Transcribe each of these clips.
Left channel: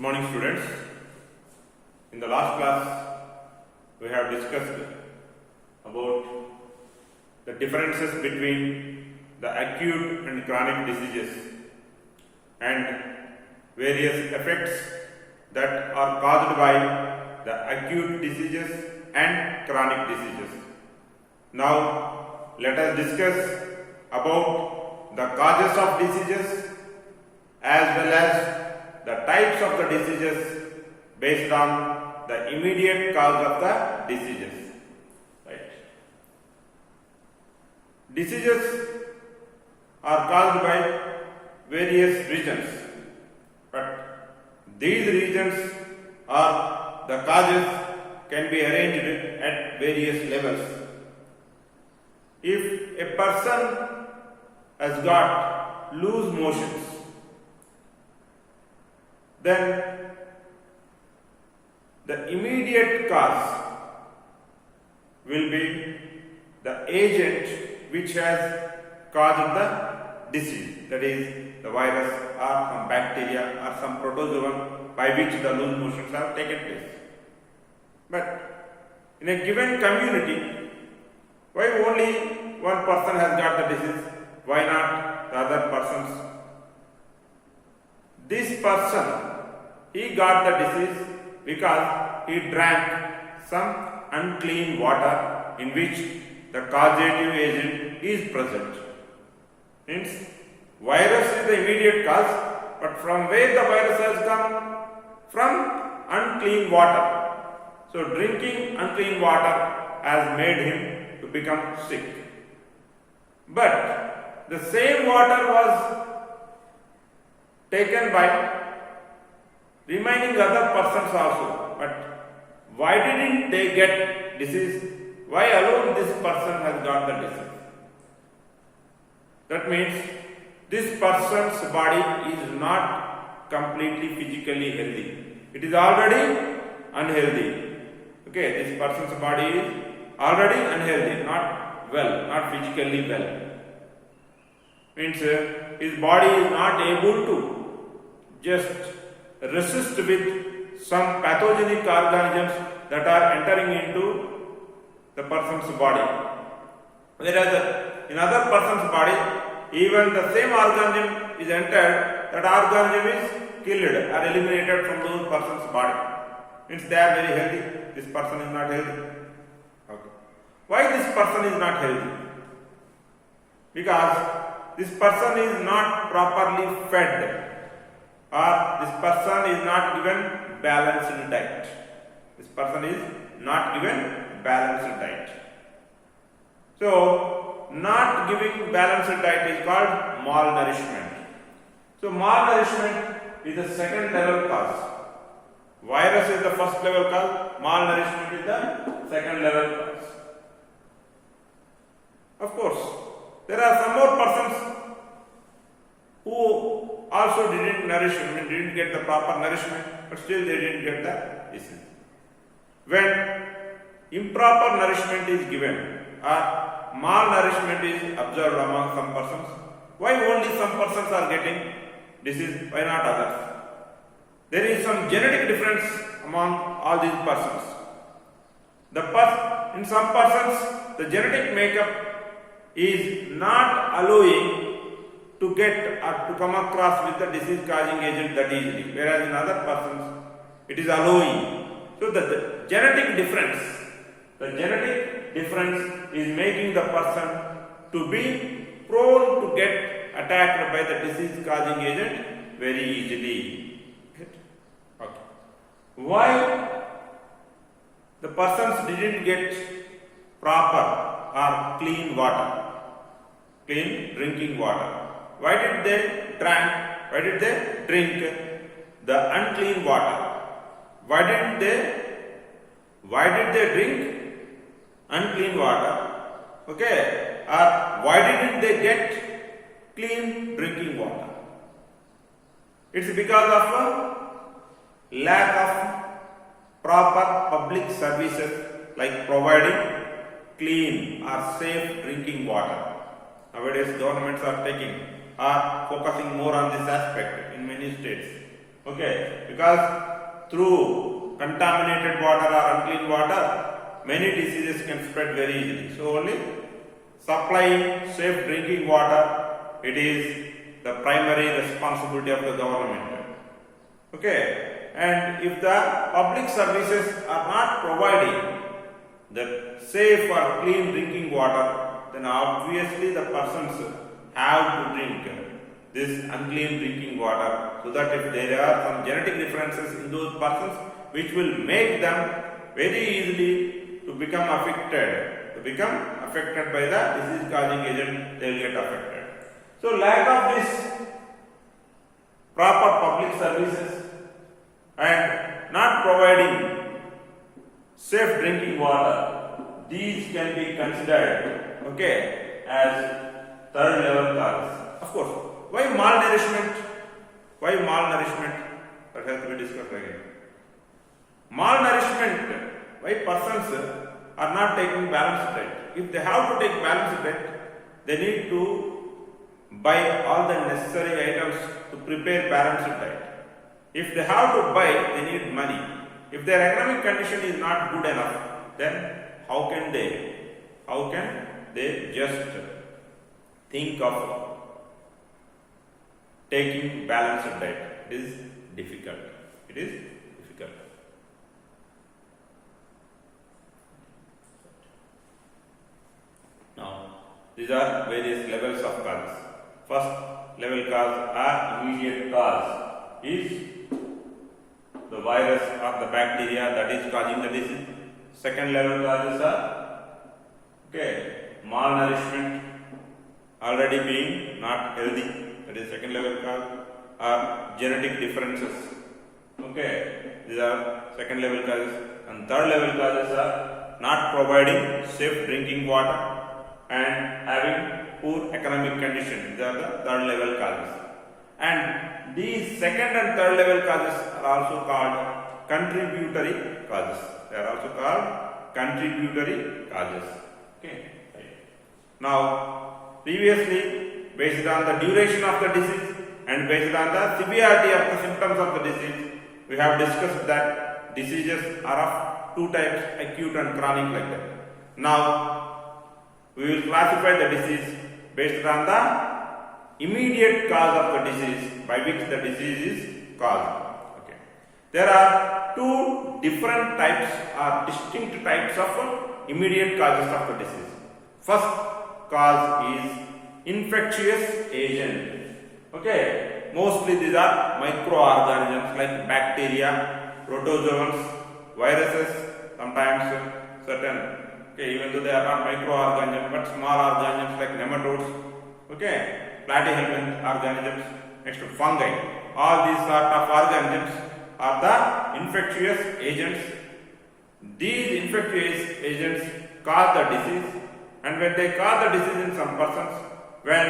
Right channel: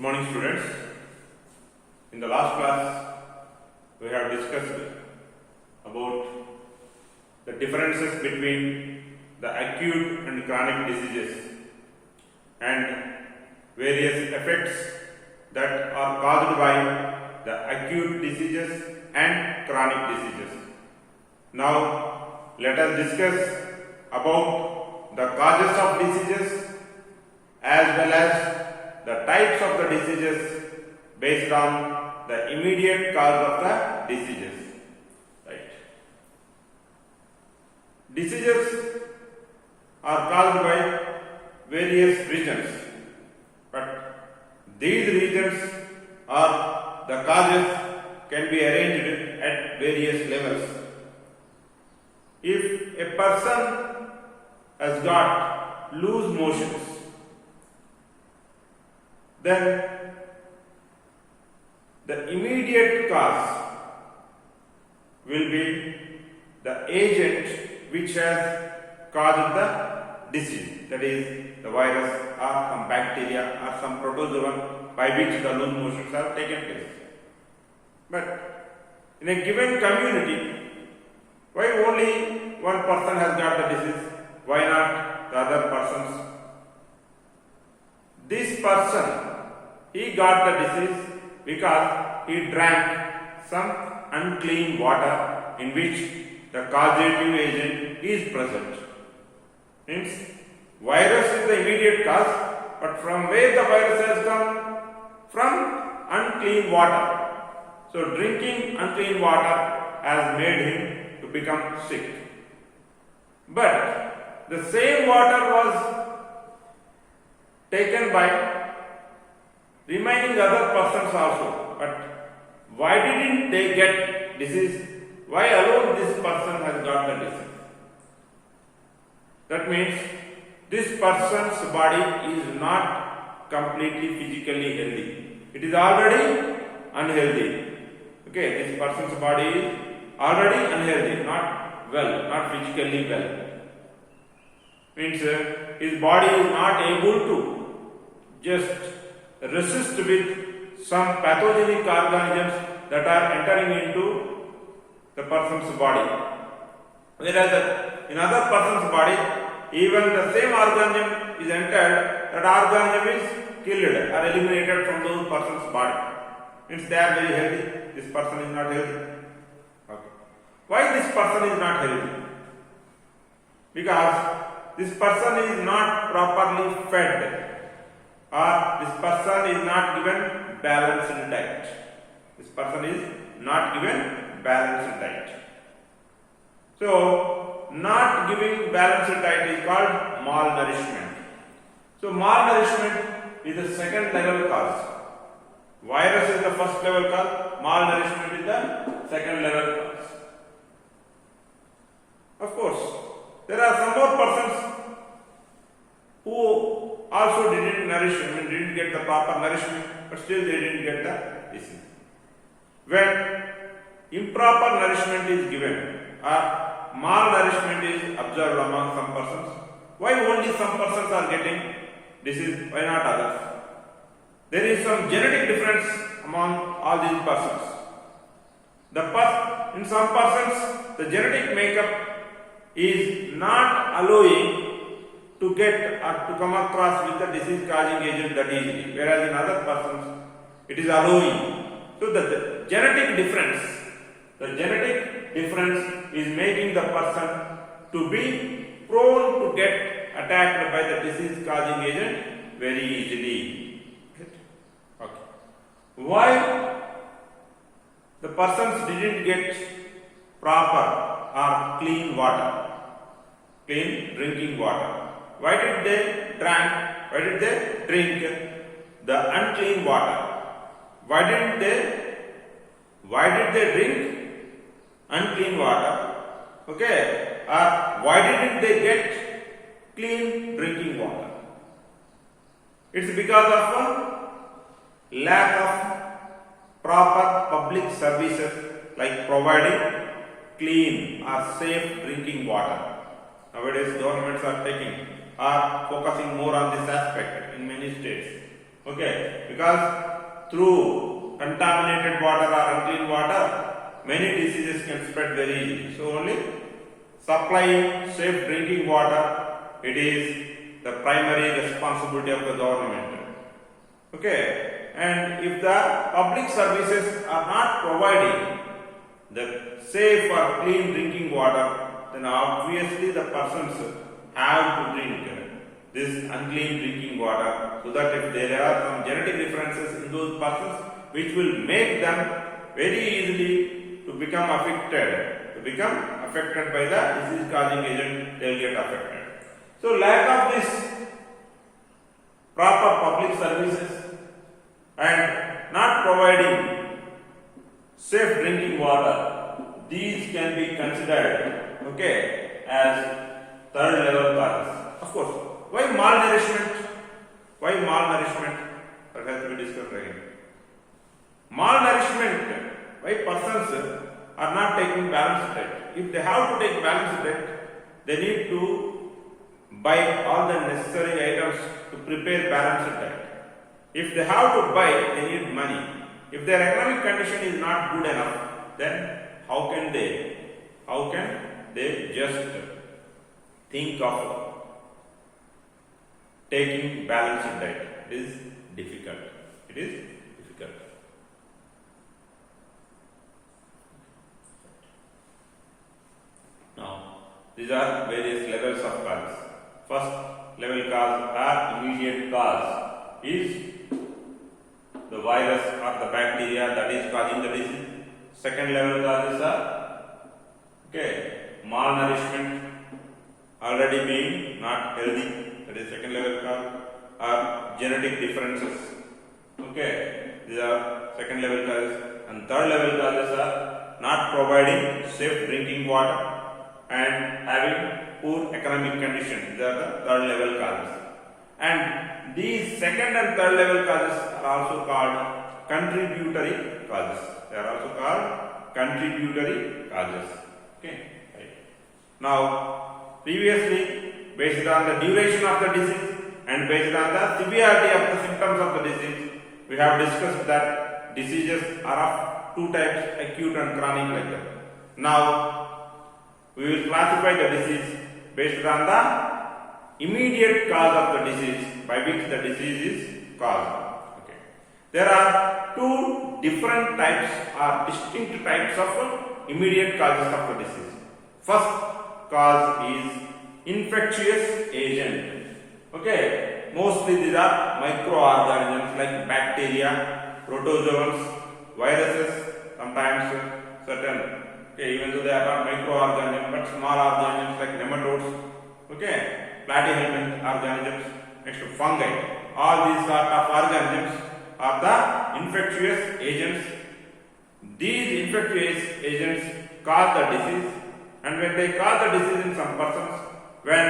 Good morning, students. In the last class, we have discussed about the differences between the acute and chronic diseases and various effects that are caused by the acute diseases and chronic diseases. Now, let us discuss about the causes of diseases as well as the types of the diseases based on the immediate cause of the diseases. Right. Diseases are caused by various reasons, but these reasons or the causes can be arranged at various levels. If a person has got loose motions, then the immediate cause will be the agent which has caused the disease, that is the virus or some bacteria or some protozoan by which the loose motions have taken place. But in a given community, why only one person has got the disease? Why not the other persons? This person, he got the disease because he drank some unclean water in which the causative agent is present. Hence, virus is the immediate cause, but from where the virus has come? From unclean water. So, drinking unclean water has made him to become sick. But the same water was taken by remaining other persons also. But why didn't they get disease? Why alone this person has got the disease? That means this person's body is not completely physically healthy. It is already unhealthy. Okay, this person's body is already unhealthy, not well, not physically well. Means his body is not able to just resist with some pathogenic organisms that are entering into the person's body. Whereas in other person's body, even the same organism is entered, that organism is killed or eliminated from those person's body. Means they are very healthy, this person is not healthy. Okay. Why this person is not healthy? Because this person is not properly fed, or this person is not given balanced diet. This person is not given balanced diet. So, not giving balanced diet is called malnourishment. So, malnourishment is the second level cause. Virus is the first level cause, malnourishment is the second level cause. Of course, there are some more persons who also didn't didn't get the proper nourishment, but still they didn't get the disease. When improper nourishment is given or malnourishment is observed among some persons, why only some persons are getting disease, why not others? There is some genetic difference among all these persons. In some persons, the genetic makeup is not allowing to get or to come across with the disease causing agent that easily, whereas in other persons it is allowing. So the genetic difference is making the person to be prone to get attacked by the disease causing agent very easily. Okay. Why the persons didn't get proper or clean water, clean drinking water? Why did they drink the unclean water? Why did they drink unclean water? Okay, or why didn't they get clean drinking water? It's because of a lack of proper public services like providing clean or safe drinking water. Nowadays, governments are focusing more on this aspect in many states. Okay, because through contaminated water or unclean water, many diseases can spread very easily. So only supplying safe drinking water, it is the primary responsibility of the government. Okay, and if the public services are not providing the safe or clean drinking water, then obviously the persons have to drink this unclean drinking water, so that if there are some genetic differences in those persons which will make them very easily to become affected by the disease causing agent, they will get affected. So lack of this proper public services and not providing safe drinking water, these can be considered, okay, as third level causes. Of course, why malnourishment? Why malnourishment? That has to be discussed again. Malnourishment, why persons are not taking balanced diet? If they have to take balanced diet, they need to buy all the necessary items to prepare balanced diet. If they have to buy, they need money. If their economic condition is not good enough, then how can they just think of taking balanced diet? It is difficult. It is difficult. Now, these are various levels of causes. First level cause or immediate cause is the virus or the bacteria that is causing the disease. Second level causes are malnourishment, already being not healthy, that is second level cause, or genetic differences. These are second level causes. And third level causes are not providing safe drinking water and having poor economic conditions. These are the third level causes. And these second and third level causes are also called contributory causes. They are also called contributory causes. Okay. Right. Now, previously, based on the duration of the disease and based on the severity of the symptoms of the disease, we have discussed that diseases are of two types, acute and chronic, like that. Now, we will classify the disease based on the immediate cause of the disease, by which the disease is caused. Okay. There are two different types or distinct types of immediate causes of the disease. First cause is infectious agent. Okay. Mostly these are microorganisms like bacteria, protozoans, viruses, sometimes certain. Okay, even though they are not microorganisms, but small organisms like nematodes, platyhelminth organisms, next to fungi. All these sort of organisms are the infectious agents. These infectious agents cause the disease, and when they cause the disease in some persons, when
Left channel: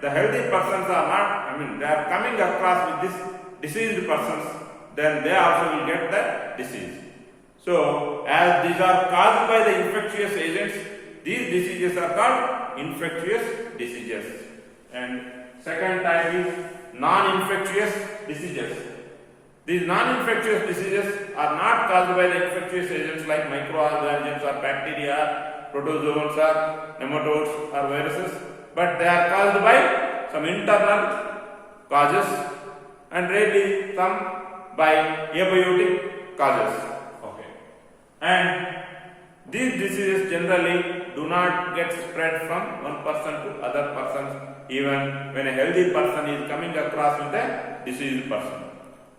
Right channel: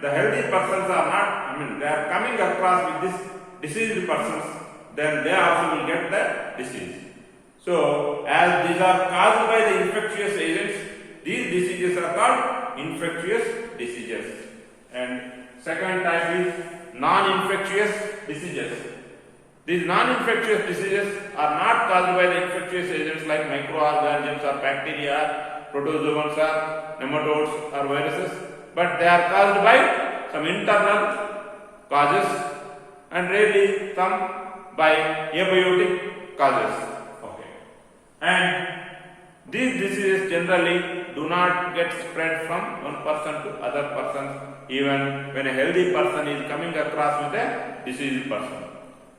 the healthy persons are not, they are coming across with this diseased persons, then they also will get the disease. So, as these are caused by the infectious agents, these diseases are called infectious diseases. And second type is non-infectious diseases. These non-infectious diseases are not caused by the infectious agents like microorganisms or bacteria, protozoans or nematodes or viruses, but they are caused by some internal causes and rarely some by abiotic causes. And these diseases generally do not get spread from one person to other persons, even when a healthy person is coming across with a diseased person.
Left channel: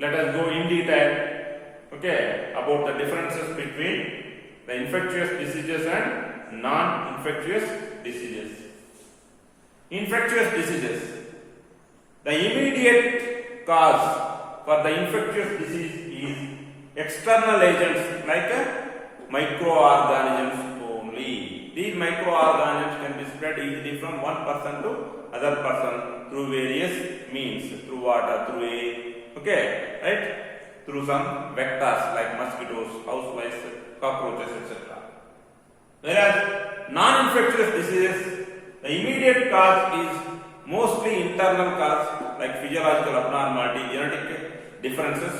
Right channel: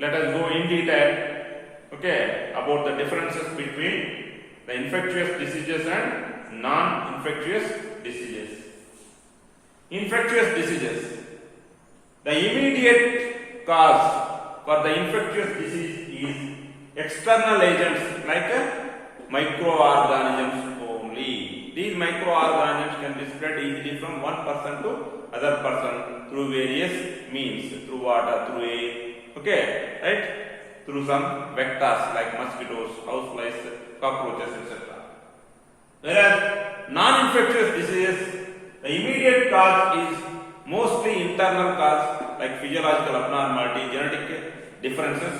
Let us go in detail, about the differences between the infectious diseases and non-infectious diseases. Infectious diseases. The immediate cause for the infectious disease is external agents like microorganisms only. These microorganisms can be spread easily from one person to other person through various means, through water, through air, through some vectors like mosquitoes, houseflies, cockroaches, etc. Whereas non-infectious diseases, the immediate cause is mostly internal cause like physiological abnormality, genetic differences.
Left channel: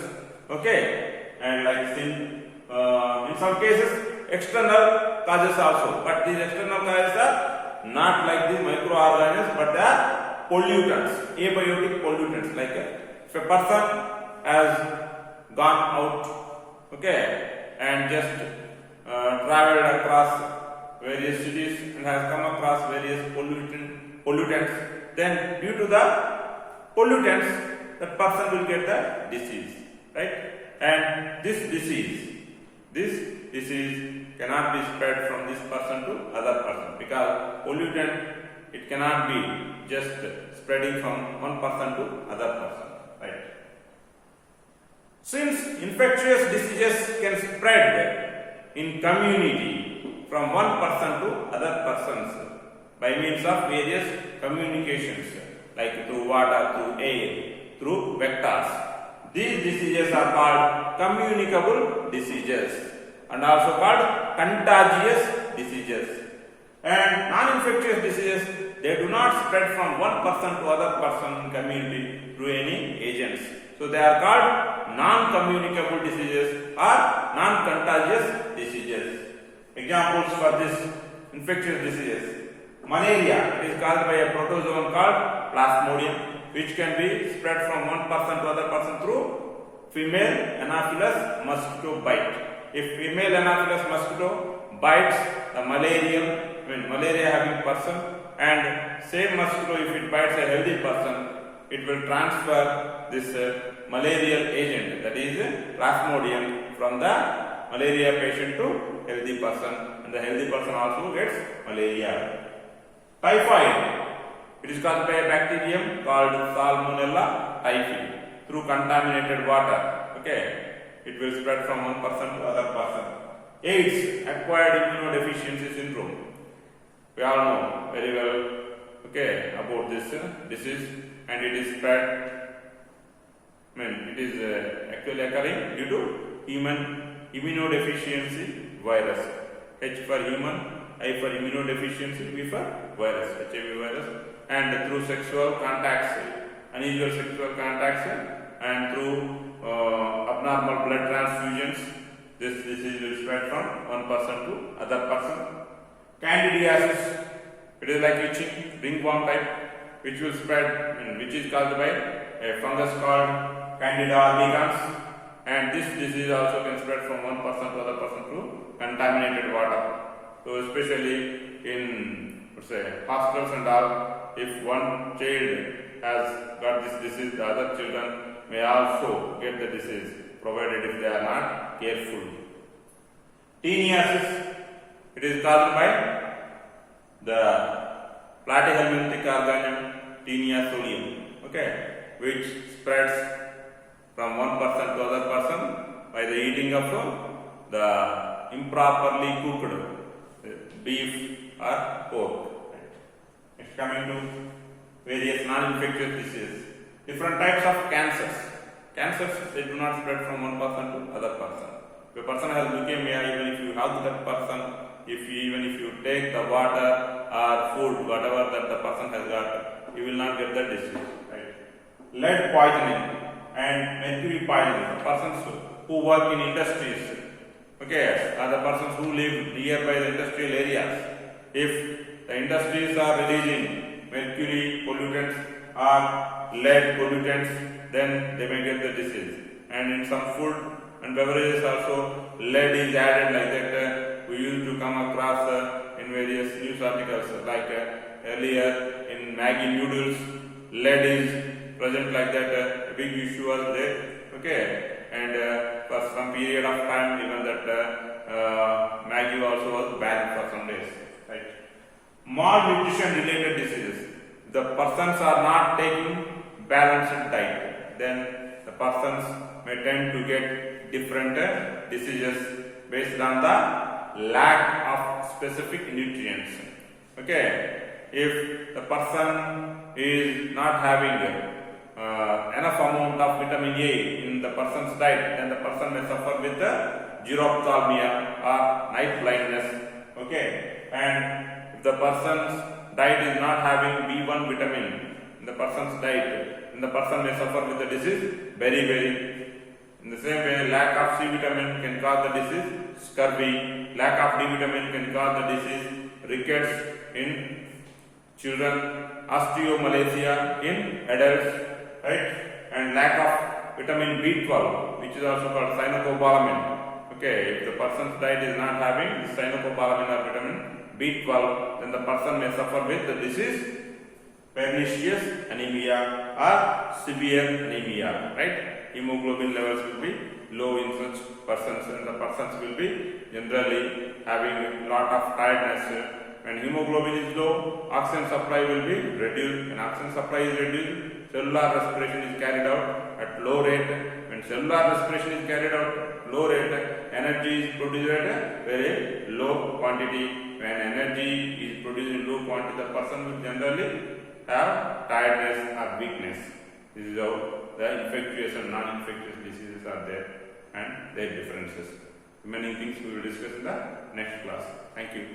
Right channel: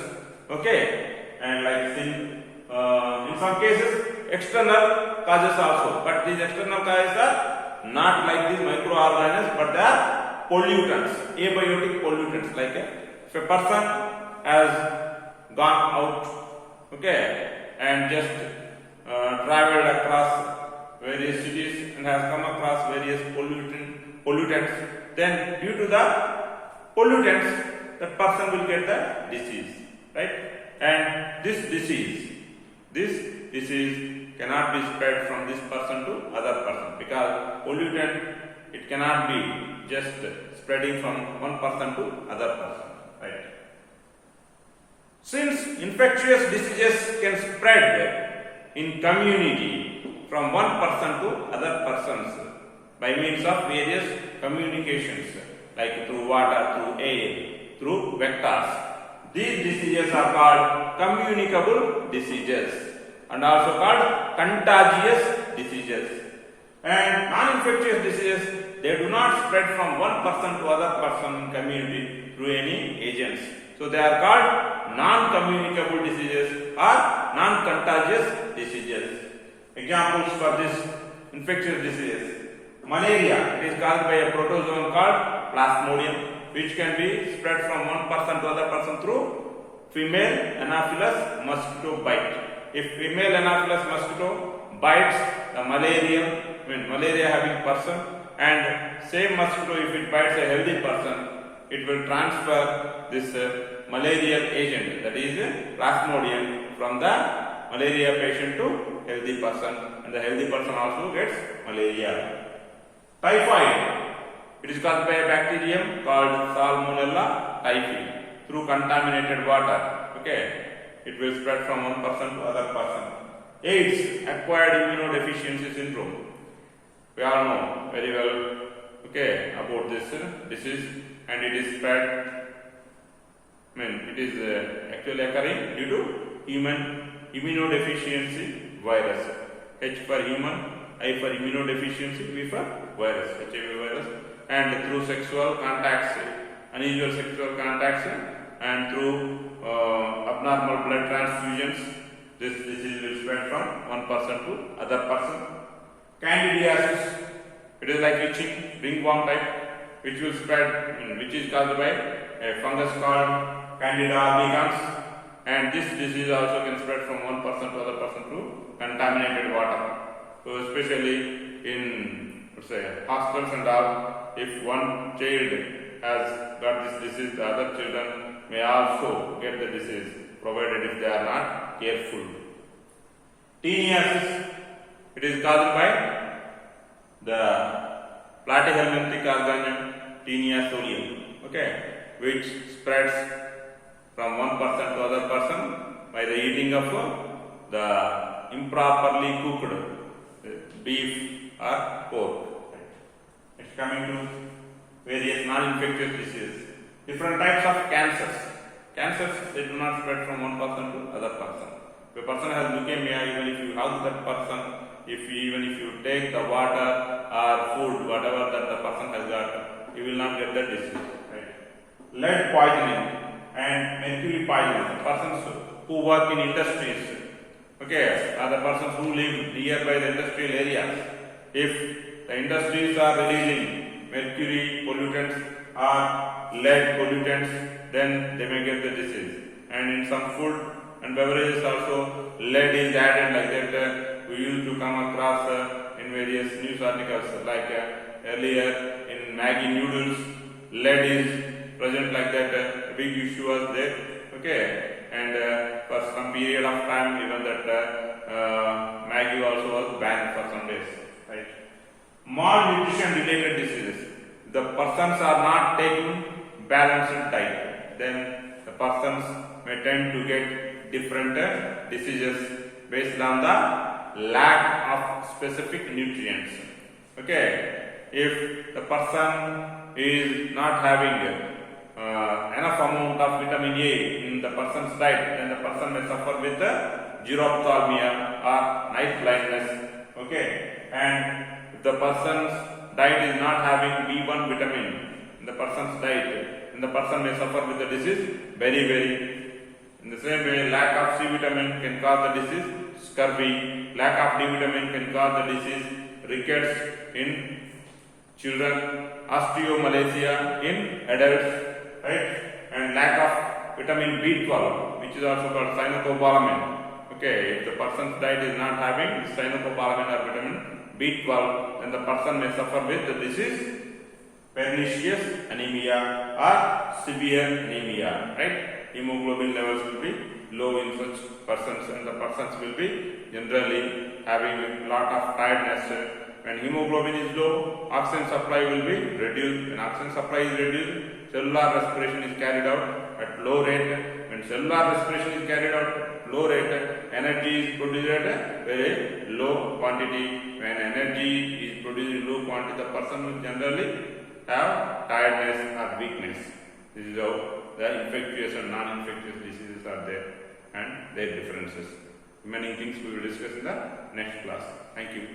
Okay, and like in some cases external causes also, but these external causes are not like these microorganisms, but they are pollutants, abiotic pollutants. Like if a person has gone out, okay, and just traveled across various cities and has come across various pollutants, then due to the pollutants, that person will get the disease, right? And this disease cannot be spread from this person to other person, because pollutant, it cannot be just spreading from one person to other person, right? Since infectious diseases can spread in community from one person to other persons by means of various communications, like through water, through air, through vectors. These diseases are called communicable diseases and also called contagious diseases. And non-infectious diseases, they do not spread from one person to other person in community through any agents. So they are called non-communicable diseases or non-contagious diseases. Examples for this infectious diseases: malaria, it is caused by a protozoan called Plasmodium, which can be spread from one person to other person through female Anopheles mosquito bite. If female Anopheles mosquito bites the malaria having person, and same mosquito, if it bites a healthy person, it will transfer this malarial agent, that is Plasmodium, from the malaria patient to healthy person, and the healthy person also gets malaria. Typhoid, it is caused by a bacterium called Salmonella typhi through contaminated water. Okay, it will spread from one person to other person. AIDS, acquired immunodeficiency syndrome. We all know very well, okay, about this disease, and it is spread. It is actually occurring due to human immunodeficiency virus. H for human, I for immunodeficiency, V for virus, HIV virus, and through sexual contacts, unusual sexual contacts, and through abnormal blood transfusions, this disease will spread from one person to other person. Candidiasis, it is like itching, ringworm type, which will spread, which is caused by a fungus called Candida albicans, and this disease also can spread from one person to other person through contaminated water. So especially in, let's say, hospitals and all, if one child has got this disease, the other children may also get the disease, provided if they are not careful. Teniasis, it is caused by the platyhelminthic organism Taenia solium, okay, which spreads from one person to other person by the eating of the improperly cooked beef or pork. Next, coming to various non-infectious diseases. Different types of cancers. Cancers, they do not spread from one person to other person. If a person has leukemia, even if you hug that person, even if you take the water or food, whatever that the person has got, you will not get the disease. Right? Lead poisoning and mercury poisoning. The persons who work in industries, okay, are the persons who live nearby the industrial areas. If the industries are releasing mercury pollutants or lead pollutants, then they may get the disease. And in some food and beverages also, lead is added like that. We used to come across in various news articles, like earlier in Maggi noodles, lead is present like that. A big issue was there. Okay, and for some period of time, even that Maggi also was banned for some days. Right? Malnutrition related diseases. The persons are not taking balanced diet, then the persons may tend to get different diseases based on the lack of specific nutrients. Okay, if the person is not having enough amount of vitamin A in the person's diet, then the person may suffer with xerophthalmia or night blindness. Okay, and if the person's diet is not having B1 vitamin in the person's diet, then the person may suffer with the disease very, very. In the same way, lack of C vitamin can cause the disease scurvy. Lack of D vitamin can cause the disease rickets in children, osteomalacia in adults, right? And lack of vitamin B12, which is also called cyanocobalamin. Okay, if the person's diet is not having cyanocobalamin or vitamin B12, then the person may suffer with the disease pernicious anemia or severe anemia, right? Hemoglobin levels will be low in such persons, and the persons will be generally having a lot of tiredness. When hemoglobin is low, oxygen supply will be reduced. When oxygen supply is reduced, cellular respiration is carried out at low rate. When cellular respiration is carried out at low rate, energy is produced at a very low quantity. When energy is produced in low quantity, the person will generally have tiredness or weakness. This is how the infectious and non-infectious diseases are there and their differences. Remaining things we will discuss in the next class. Thank you.